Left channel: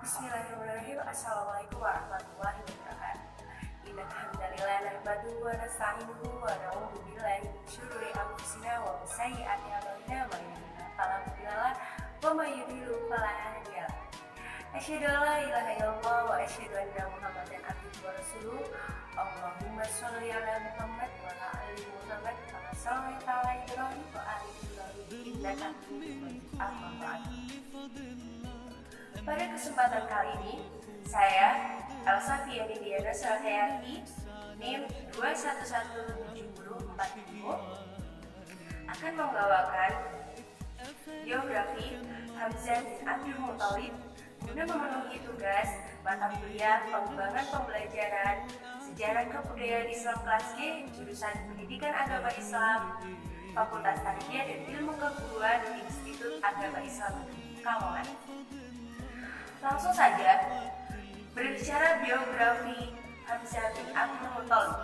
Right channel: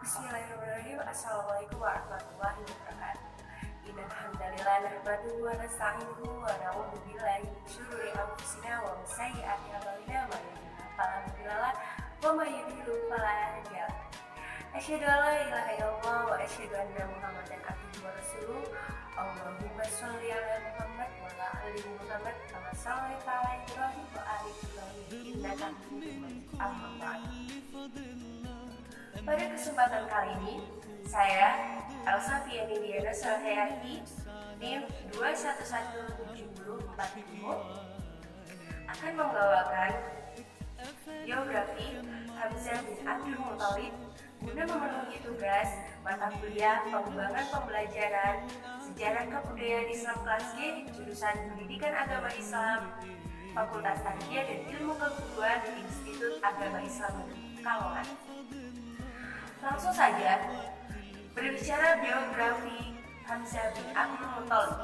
Bismillahirrahmanirrahim. Assalamualaikum warahmatullahi wabarakatuh. Innal hamdalillah nahmaduhu wa nasta'inuhu wa na'udzu billahi min syururi anfusina wa min sayyiati a'malina may yahdihillahu fala mudilla lahu wa may yudlil fala hadiya lahu. Asyhadu an la ilaha illallah wa asyhadu anna Muhammadan abduhu wa rasuluh. Allahumma shalli ala Muhammad wa ala ali Muhammad kama shallaita ala Ibrahim wa ali Ibrahim innaka Hamidum Majid. Amma ba'd. Pada kesempatan kali ini, saya Elsa Fiani Diana Salhayati NIM 21174 akan membawakan biografi Hamzah bin Abdul Muthalib guna memenuhi tugas mata kuliah pengembangan pembelajaran sejarah kebudayaan Islam kelas G jurusan Pendidikan Agama Islam Fakultas Tarbiyah dan Ilmu Keguruan Institut Agama Islam Pekalongan. Langsung saja berbicara biografi Hamzah bin Abdul Muthalib.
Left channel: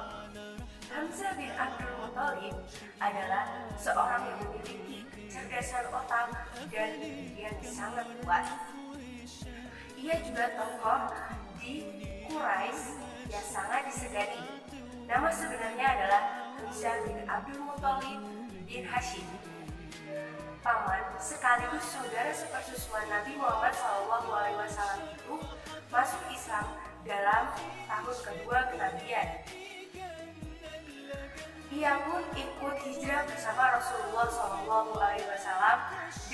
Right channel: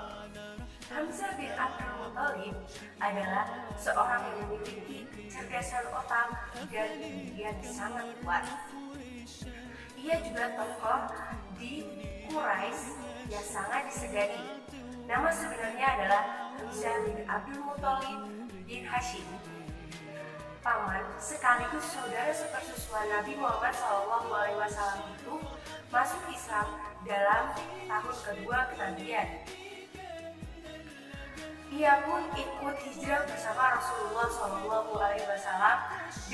Hamzah bin Abdul Muthalib adalah seorang yang memiliki kecerdasan otak dan yang sangat kuat. Ia juga tokoh di Quraisy yang sangat disegani. Nama sebenarnya adalah Hamzah bin Abdul Muthalib bin Hashim, paman sekaligus saudara sepersusuan Nabi Muhammad SAW itu masuk Islam dalam tahun kedua kenabian. Ia pun ikut hijrah bersama Rasulullah SAW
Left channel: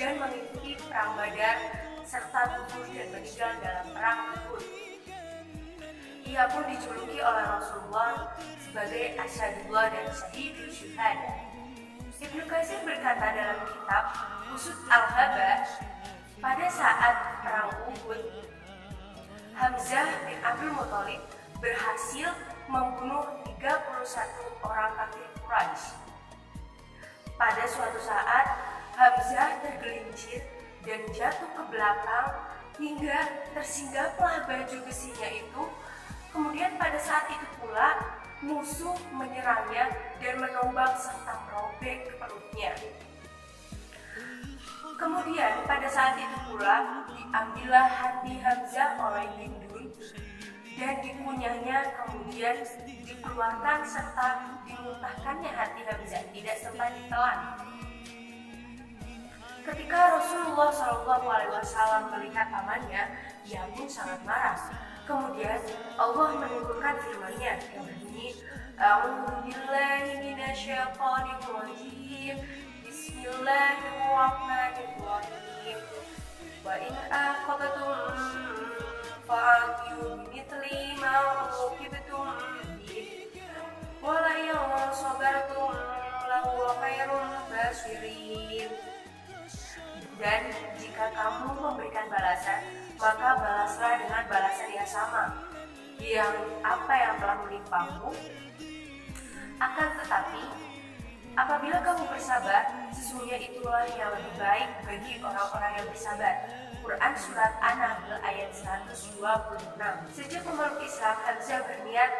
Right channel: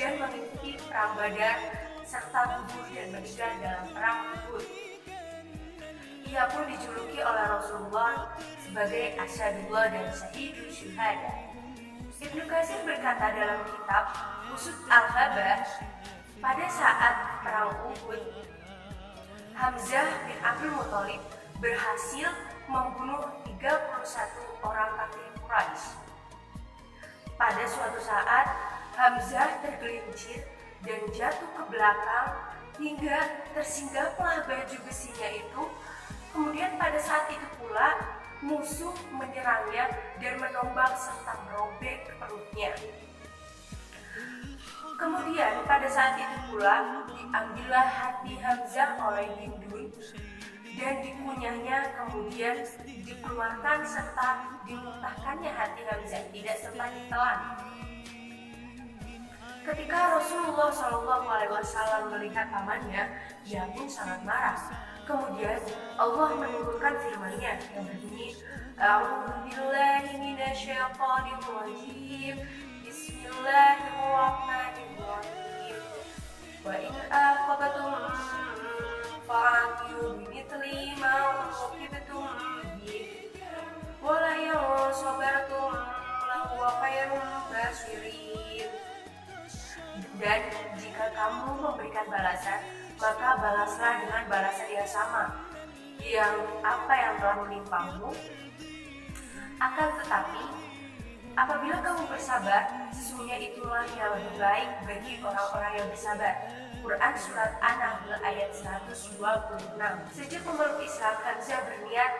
dan mengikuti perang Badar serta gugur dan meninggal dalam perang Uhud. Ia pun dijuluki oleh Rasulullah sebagai Asyadullah dan Syahidul Syuhada. Ibnu Katsir berkata dalam kitab Usud Al-Haba, pada saat perang Uhud, Hamzah bin Abdul Muthalib berhasil membunuh 31 orang kafir Quraisy. Pada suatu saat, Hamzah tergelincir dan jatuh ke belakang hingga tersinggaplah baju besinya itu. Kemudian pada saat itu pula musuh menyerangnya dan menombak serta merobek perutnya. Kemudian pada saat itu pula diambillah hati Hamzah oleh Hindun dan dikunyahnya, kemudian dikeluarkan serta dimuntahkannya hati Hamzah, tidak sempat ditelan. Ketika Rasulullah SAW melihat pamannya, ia pun sangat marah. Kemudian Allah menurunkan firman-Nya yang berbunyi, A'udzubillahi minasyaitonirrajim. Bismillahirrahmanirrahim. Wa in aqabtum fa'aqibu bimithli ma uqibtum bih. Wa la in sabartum lahuwa khairul basirin. Dan jika kamu memberikan balasan, maka balaslah dengan balasan yang sama, yang apa yang telah menimpamu. Akan tetapi, apabila kamu bersabar, sesungguhnya itulah yang lebih baik bagi orang-orang yang bersabar. Quran Surat An-Nahl ayat 126. Sejak memeluk Islam, Hamzah berniat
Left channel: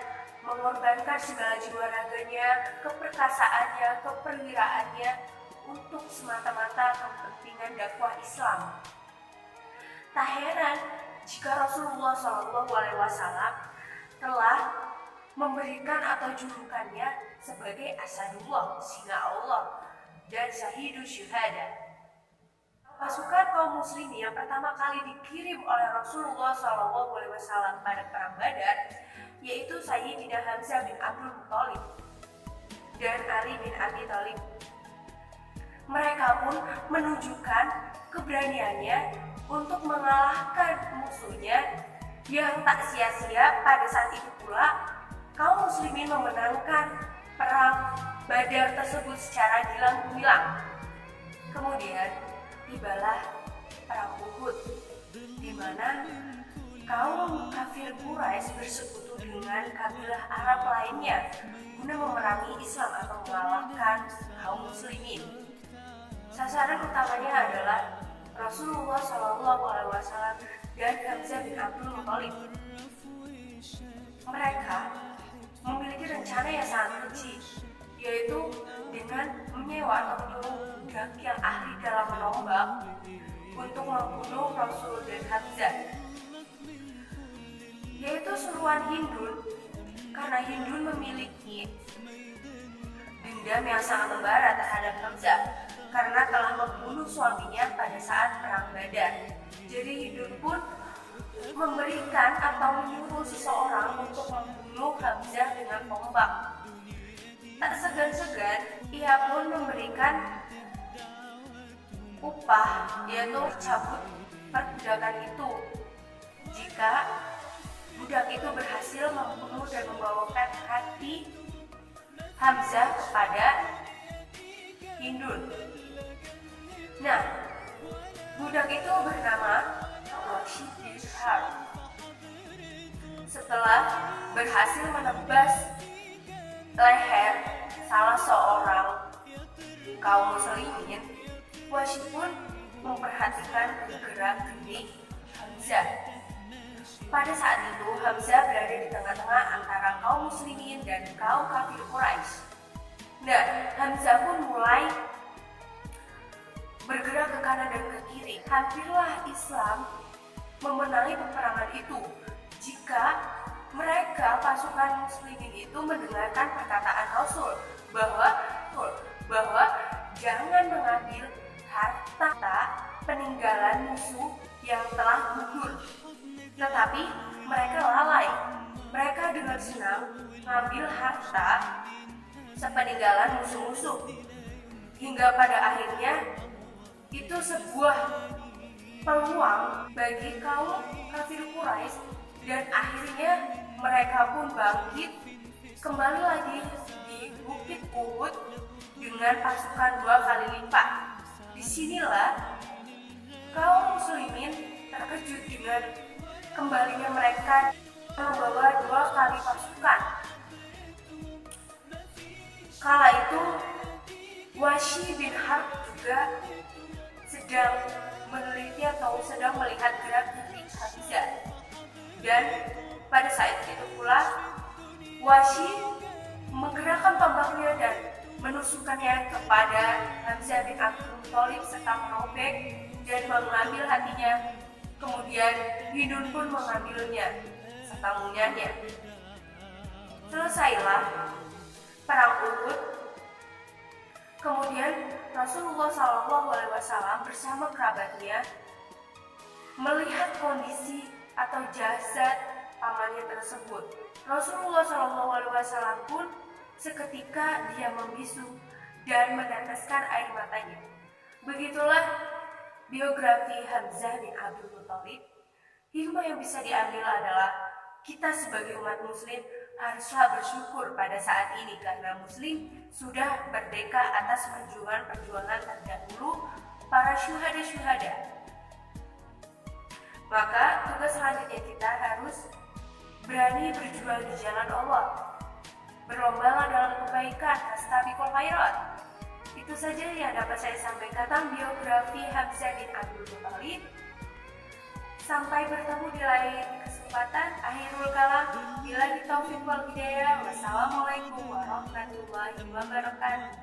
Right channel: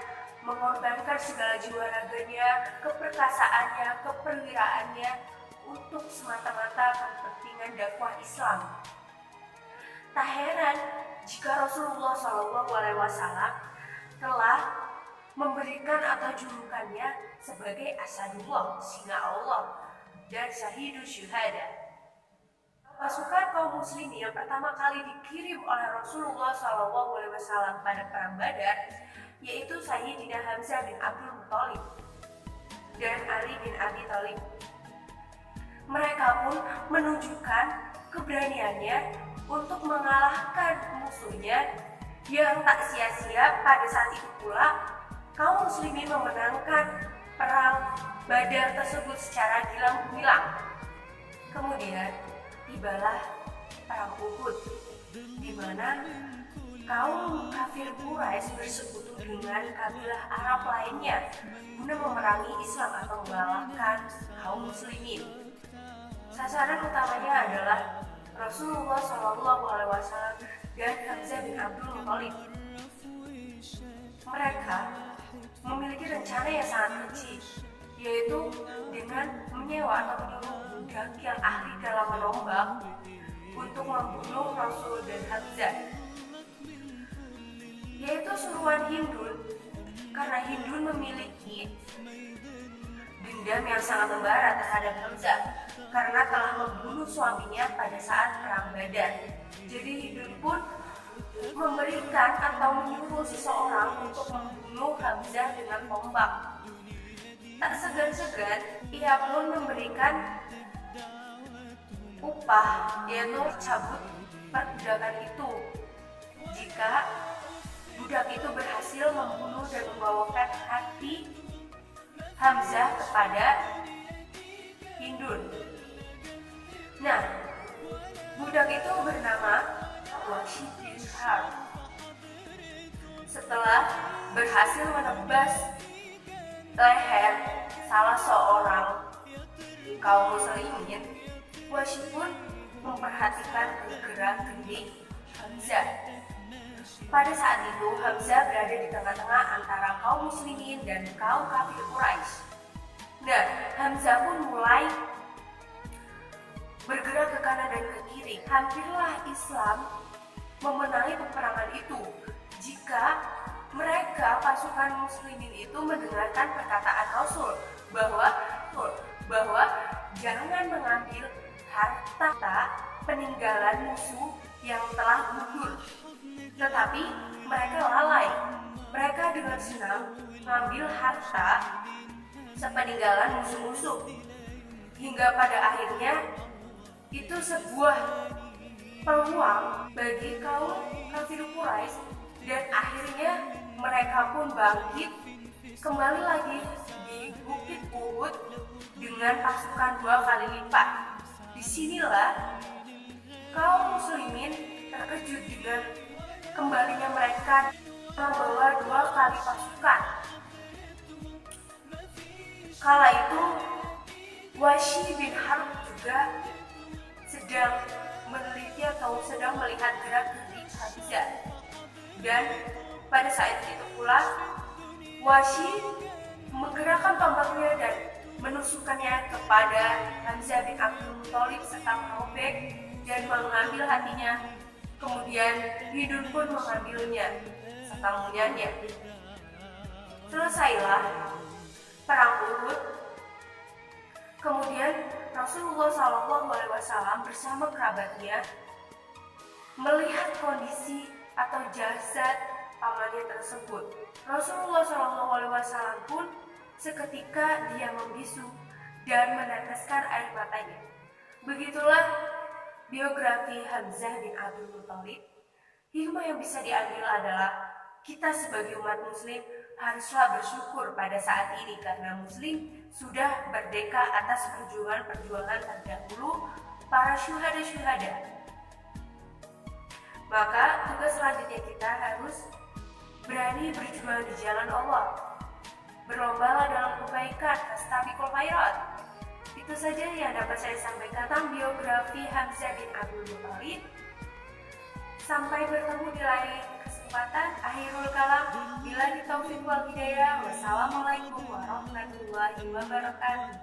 mengorbankan segala jiwa raganya, keperkasaannya, keperwiraannya untuk semata-mata kepentingan dakwah Islam. Tak heran jika Rasulullah SAW telah memberikan atau julukannya sebagai Asadullah, singa Allah, dan Syahidul Syuhada. Pasukan kaum muslimin yang pertama kali dikirim oleh Rasulullah SAW pada perang Badar, yaitu Sayyidina Hamzah bin Abdul Muthalib dan Ali bin Abi Thalib. Mereka pun menunjukkan keberaniannya untuk mengalahkan musuhnya yang tak sia-sia. Pada saat itu pula kaum muslimin memenangkan perang Badar tersebut secara gilang gemilang. Kemudian tibalah perang Uhud, di mana kaum kafir Quraisy bersekutu dengan kabilah Arab lainnya guna memerangi Islam atau mengalahkan kaum muslimin. Sasaran utamanya adalah Rasulullah SAW dan Hamzah bin Abdul Muthalib. Mereka memiliki rencana yang sangat kecil, yaitu dengan menyewa atau menyuruh budak yang ahli dalam menombak untuk membunuh Rasul dan Hamzah. yaitu suruhan Hindun, karena Hindun memiliki dendam yang sangat membara terhadap Hamzah karena telah membunuh suaminya pada saat perang Badar. Jadi Hindun pun memberikan atau menyuruh seseorang untuk membunuh Hamzah dengan tombak. Tak segan-segan ia pun memberikan upah, yaitu cabut perbudakan itu jika budak itu berhasil membunuh dan membawakan hati Hamzah kepada Hindun. Nah, budak itu bernama Wahsy bin Harb. Setelah berhasil menebas leher salah seorang kaum muslimin, Wahsy pun memperhatikan gerak-gerik Hamzah. Pada saat itu Hamzah berada di tengah-tengah antara kaum muslimin dan kaum kafir Quraisy. Nah, Hamzah pun mulai bergerak ke kanan dan ke kiri. Hampirlah Islam memenangi peperangan itu jika mereka pasukan muslimin itu mendengarkan perkataan Rasul bahwa jangan mengambil harta peninggalan musuh yang telah gugur, tetapi mereka lalai. Mereka dengan senang mengambil harta sepeninggalan musuh-musuh, hingga pada akhirnya itu sebuah peluang bagi kaum kafir Quraisy, dan akhirnya mereka pun bangkit kembali lagi di Bukit Uhud dengan pasukan 2 kali lipat. Disinilah kaum muslimin terkejut dengan kembalinya mereka membawa 2 kali pasukan. Kala itu Wahsy bin Harb juga sedang meneliti atau sedang melihat gerak-gerik Hamzah, dan pada saat itu pula Wahsy menggerakkan tombaknya dan menusukkannya kepada Hamzah bin Abdul Muthalib serta merobek dan mengambil hatinya. Kemudian Hindun pun mengambilnya serta mengunyahnya. Selesailah perang Uhud. Kemudian Rasulullah SAW bersama kerabatnya melihat kondisi atau jasad pamannya tersebut. Rasulullah SAW pun seketika dia membisu dan meneteskan air matanya. Begitulah biografi Hamzah bin Abdul Muthalib. Hikmah yang bisa diambil adalah kita sebagai umat muslim haruslah bersyukur pada saat ini karena muslim sudah merdeka atas perjuangan terdahulu para syuhada. Maka tugas selanjutnya kita harus berani berjuang di jalan Allah. Berlombalah dalam kebaikan, fastabiqul khairat. Itu saja yang dapat saya sampaikan tentang biografi Hamzah bin Abdul Muthalib. Sampai bertemu di lain kesempatan. Akhirul kalam, billahi taufiq wal hidayah. Wassalamualaikum warahmatullahi wabarakatuh.